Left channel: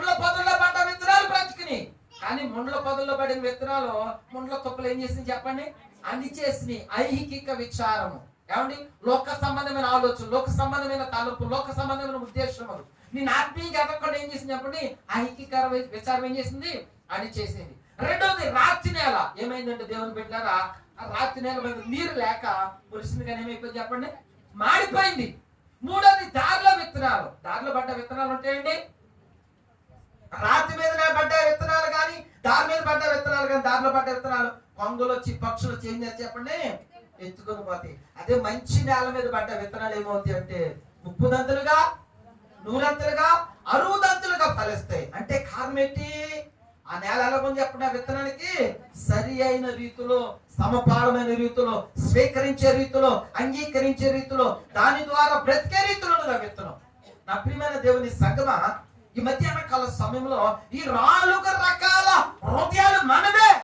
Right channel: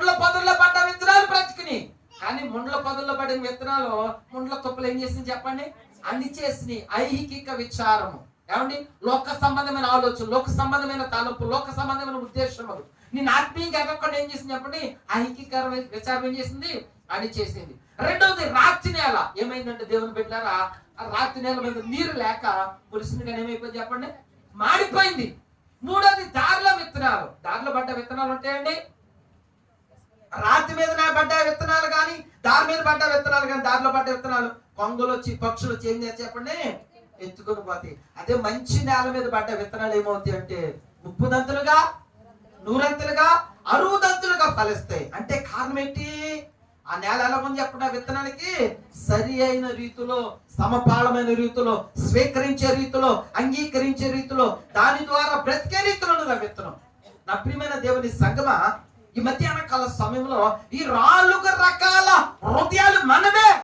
ముండ్ల పొదల్లో పడ్డ విత్తనాలు బ్రతికిని. కానీ ముండ్ల పొదల్లో పడిన విత్తనాలు ముండ్ల తుప్పలు ఏం చేసింది చెప్పండి? అన్ని ఐహికిక ఐహిక విచారము. ఏమండి? లోక సంబంధమైన ఆలోచన లోక సంబంధమైన తలంపు లోక సంబంధమైన ఉద్దేశములు నేను ఆత్మీయంగా ఎదగకుండా ఏం చేసింది చెప్పండి? ఐహిక విచారం ఏం చేసింది? అని చేసింది రెండవది రాత్రి నేల. ఏమైందంటే దేవుని పెట్టారా ఆ రాత్రి నేల మీద నీరు లేక పురుషుని కానీ ఏమైపోయింది చెప్పండి? మాడిపోయింది. మూడోది దారిలో విత్తనాలు. దారిలో పడ్డ విత్తనాలు ఉంటాయండి. విత్తనాలు కానీ దారిలో పడ్డ విత్తనాలు కొంగలు వచ్చి పక్షులు వచ్చి ఏం చేస్తాయి చెప్పండి ఎత్తుకొని పోతాయి. అదే మంచి నేల మీద పడ్డ విత్తనాలు ఏమవుతాయి అంటే ముప్పుదంతులుగా నూరంతులుగా అరువుదంతులుగా ఫలిస్తాయి. అంటే కారణం ఏంటి? ఆ నేల ఎలా ఉంది చెప్పండి విత్తనానికి? విత్తనాలకి సరి అయిన రీతిలో సమపాలమైన రీతిలో స్వీకరించే రీతిలో అంగీకరించే రీతిలో దాని ద్వారా బ్రతికే రీతిలో ఆ విత్తనం. నా ప్రియమైన దేవుని సంగమ ఈ మధ్యాహ్న కాల సమయంలో ఈ రాళ్ళుగా రకాల